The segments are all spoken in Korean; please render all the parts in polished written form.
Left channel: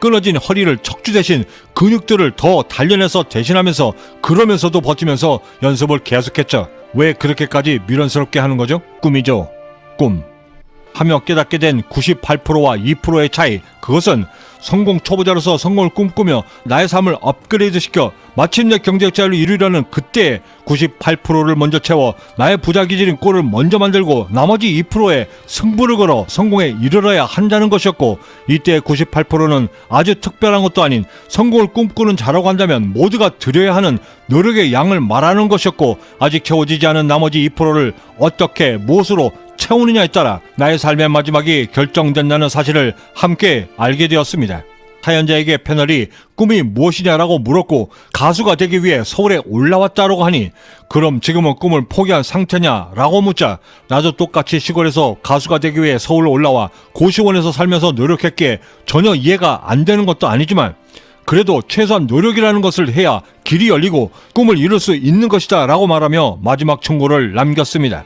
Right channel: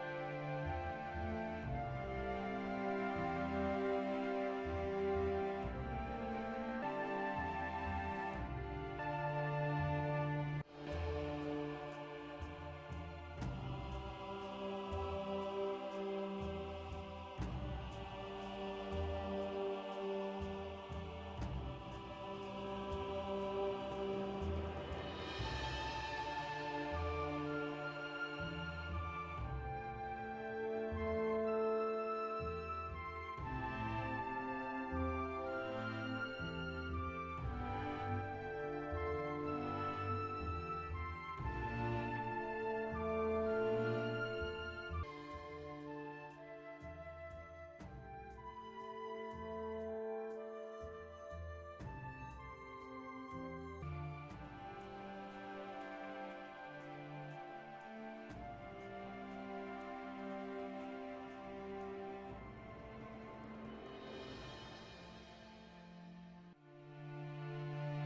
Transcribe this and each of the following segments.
끊어진 허리를 척추 대신 근육들을 더 단련해서 대신하면서 그러면서도 버티면서 연습을 계속했죠. 왜 그렇게까지 미련스럽게 하는 거죠? 꿈이죠. 꿈. 하며 깨닫게 된 98%와 2%의 차이, 그것은 성공 초보자로서 성공을 꿈꾸며 나의 삶을 업그레이드시켜 마침내 경제자를 이루려는 그때의 98%를 먼저 채워 나의 부자 기질인 꼴을 먼저 만들고 나머지 2%에 승부를 걸어 성공에 이르러야 한다는 것이었고, 이때의 98%는 아주 특별한 것도 아닌 성공을 꿈꾸는 자라고 한다면 모두가 드려야 하는 노력의 양을 말하는 것이었고, 아직 채워지지 않은 나머지 2%를 어떻게 무엇으로 채우느냐에 따라 나의 삶의 마지막이 결정된다는 사실을 함께 알게 되었습니다. 사연자에게 패널이 꿈이 무엇이냐라고 물었고 가수가 되기 위해 서울에 올라왔다라고 하니 그럼 지금은 꿈을 포기한 상태냐라고 묻자 나도 똑같이 시골에서 가수가 되기 위해 서울 올라와 고시원에서 살면서 노력했기에 전혀 이해가 안 되는 것도 아니지만 그래도 최소한 노력이라는 것을 해야 길이 열리고 꿈을 이룰 수 있는 것이다 라고 말하며 마지막 충고를 남겼습니다.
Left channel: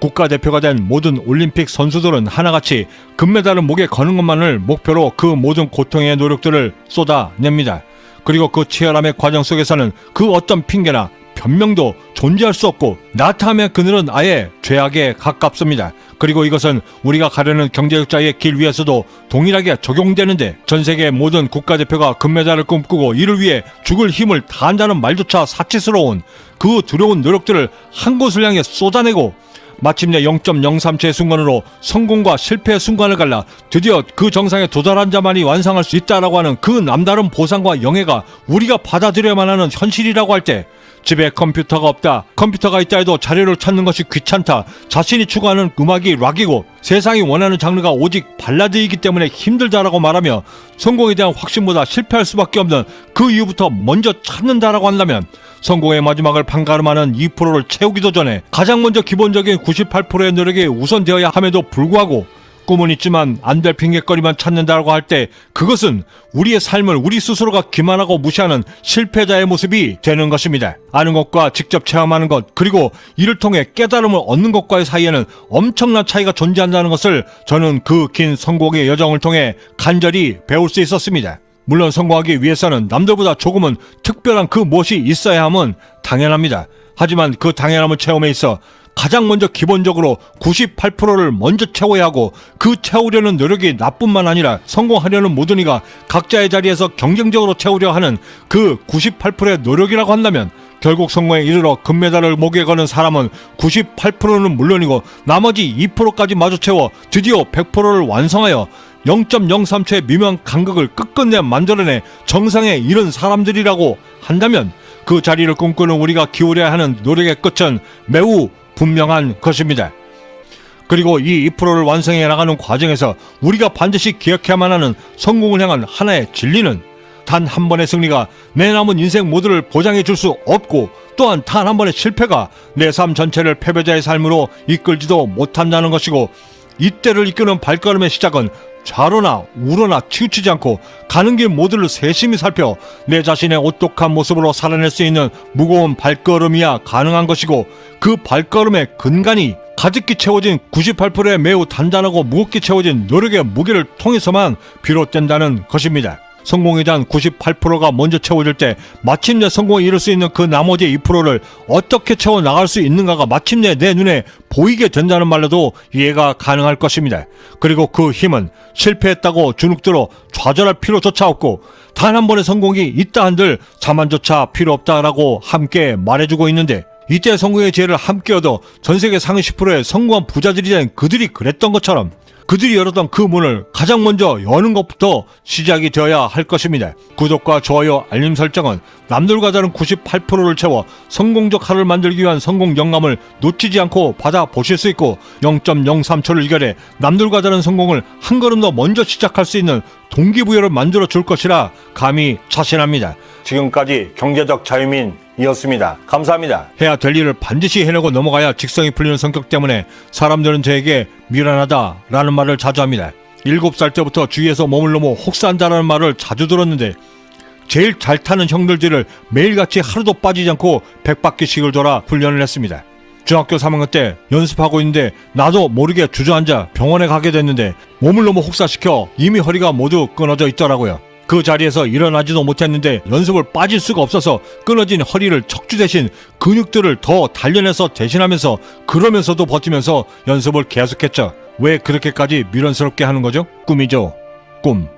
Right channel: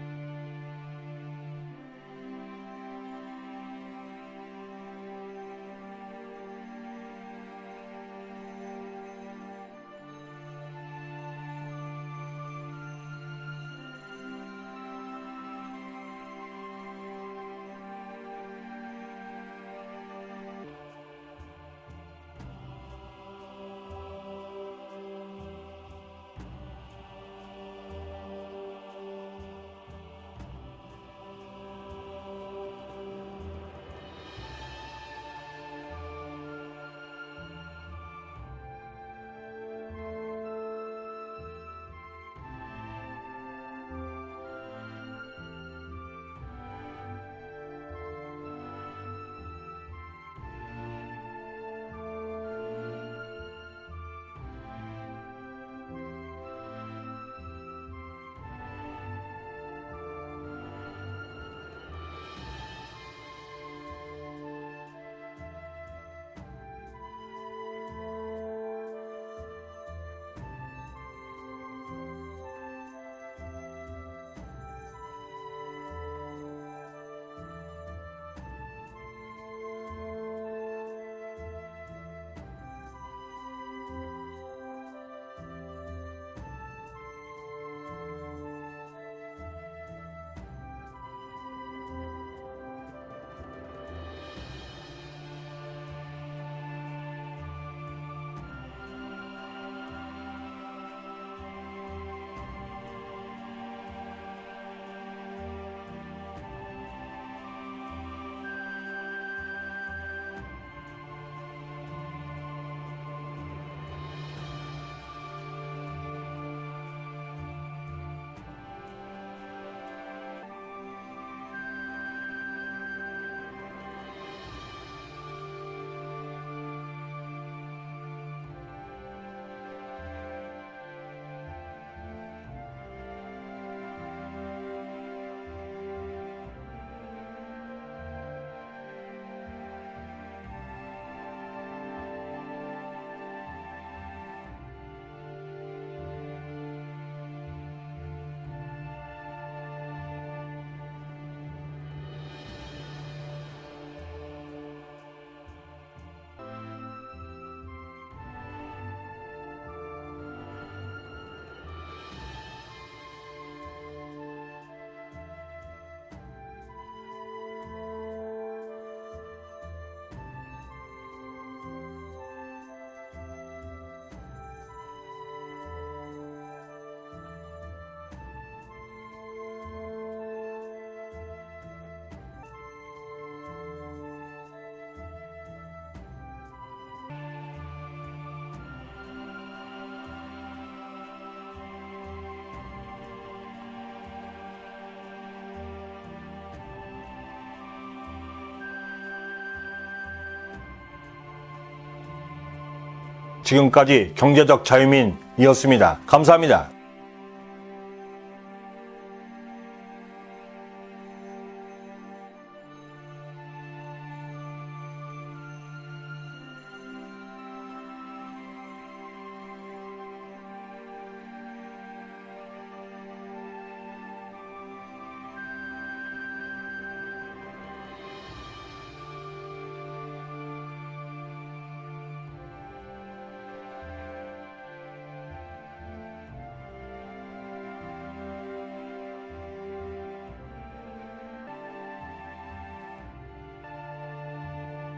국가대표가 된 모든 올림픽 선수들은 하나같이 금메달을 목에 거는 것만을 목표로 그 모든 고통의 노력들을 쏟아냅니다. 그리고 그 치열함의 과정 속에서는 그 어떤 핑계나 변명도 존재할 수 없고 나타하면 그늘은 아예 죄악에 가깝습니다. 그리고 이것은 우리가 가려는 경제적자의 길 위에서도 동일하게 적용되는데, 전 세계 모든 국가대표가 금메달을 꿈꾸고 이를 위해 죽을 힘을 다한다는 말조차 사치스러운 그 두려운 노력들을 한 곳을 향해 쏟아내고 마침내 0.03초의 순간으로 성공과 실패의 순간을 갈라 드디어 그 정상에 도달한 자만이 완성할 수 있다라고 하는 그 남다른 보상과 영예가 우리가 받아들여야만 하는 현실이라고 할 때, 집에 컴퓨터가 없다, 컴퓨터가 있다 해도 자료를 찾는 것이 귀찮다, 자신이 추구하는 음악이 락이고 세상이 원하는 장르가 오직 발라드이기 때문에 힘들다라고 말하며 성공에 대한 확신보다 실패할 수밖에 없는 그 이유부터 먼저 찾는다라고 한다면, 성공의 마지막을 판가름하는 2%를 채우기도 전에 가장 먼저 기본적인 98%의 노력이 우선되어야 함에도 불구하고 꿈은 있지만 안 될 핑계거리만 찾는다고 할 때, 그것은 우리의 삶을 우리 스스로가 기만하고 무시하는 실패자의 모습이 되는 것입니다. 아는 것과 직접 체험하는 것, 그리고 이를 통해 깨달음을 얻는 것과의 사이에는 엄청난 차이가 존재한다는 것을 저는 그 긴 성공의 여정을 통해 간절히 배울 수 있었습니다. 물론 성공하기 위해서는 남들보다 조금은 특별한 그 무엇이 있어야 함은 당연합니다. 하지만 그 당연함을 체험에 있어 가장 먼저 기본적으로 98%를 먼저 채워야 하고, 그 채우려는 노력이 나뿐만 아니라 성공하려는 모든 이가 각자의 자리에서 경쟁적으로 채우려 하는 그 98%의 노력이라고 한다면, 결국 성공에 이르러 금메달을 목에 거는 사람은 98%는 물론이고 나머지 2%까지 마저 채워 드디어 100%를 완성하여 0.03초의 미묘한 간극을 끝끝내 만들어내 정상에 이른 사람들이라고 한다면, 그 자리를 꿈꾸는 우리가 기울여야 하는 노력의 끝은 매우 분명한 것입니다. 그리고 이 2%를 완성해 나가는 과정에서 우리가 반드시 기억해야만 하는 성공을 향한 하나의 진리는, 단 한 번의 승리가 내 남은 인생 모두를 보장해 줄 수 없고, 또한 단 한 번의 실패가 내 삶 전체를 패배자의 삶으로 이끌지도 못한다는 것이고, 이때를 이끄는 발걸음의 시작은 좌로나 우로나 치우치지 않고 가는 길 모두를 세심히 살펴 내 자신의 오똑한 모습으로 살아낼 수 있는 무거운 발걸음이야 가능한 것이고, 그 발걸음의 근간이 가득히 채워진 98%의 매우 단단하고 무겁게 채워진 노력의 무게를 통해서만 비롯된다는 것입니다. 성공에 대한 98%가 먼저 채워질 때 마침내 성공에 이룰 수 있는 그 나머지 2%를 어떻게 채워 나갈 수 있는가가 마침내 내 눈에 보이게 된다는 말로도 이해가 가능할 것입니다. 그리고 그 힘은 실패했다고 주눅들어 좌절할 필요조차 없고, 단 한 번의 성공이 있다 한들 자만조차 필요 없다라고 함께 말해주고 있는데, 이때 성공의 지혜를 함께 얻어 전세계 상위 10%의 성공한 부자들이 된 그들이 그랬던 것처럼 그들이 열었던 그 문을 가장 먼저 여는 것부터 시작이 되어야 할 것입니다. 구독과 좋아요, 알림 설정은 남들과 다른 98%를 채워 성공적 하루를 만들기 위한 성공 영감을 놓치지 않고 받아보실 수 있고, 0.03초를 이겨내 남들과 다른 성공을 한 걸음 더 먼저 시작할 수 있는 동기부여를 만들어 줄 것이라 감히 자신합니다. 지금까지 경제적 자유민이었습니다. 감사합니다. 해야 될 일을 반드시 해내고 넘어가야 직성이 풀리는 성격 때문에 사람들은 저에게 미련하다라는 말을 자주 합니다. 7살 때부터 주위에서 몸을 너무 혹사한다라는 말을 자주 들었는데, 제일 잘 타는 형들 뒤를 매일같이 하루도 빠지지 않고 100바퀴씩을 돌아 훈련을 했습니다. 중학교 3학년 때 연습하고 있는데 나도 모르게 주저앉아 병원에 가게 됐는데 몸을 너무 혹사시켜 이미 허리가 모두 끊어져 있더라고요. 그 자리에서 일어나지도 못했는데 연습을 빠질 수가 없어서 끊어진 허리를 척추 대신 근육들을 더 단련해서 대신하면서 그러면서도 버티면서 연습을 계속했죠. 왜 그렇게까지 미련스럽게 하는 거죠? 꿈이죠. 꿈.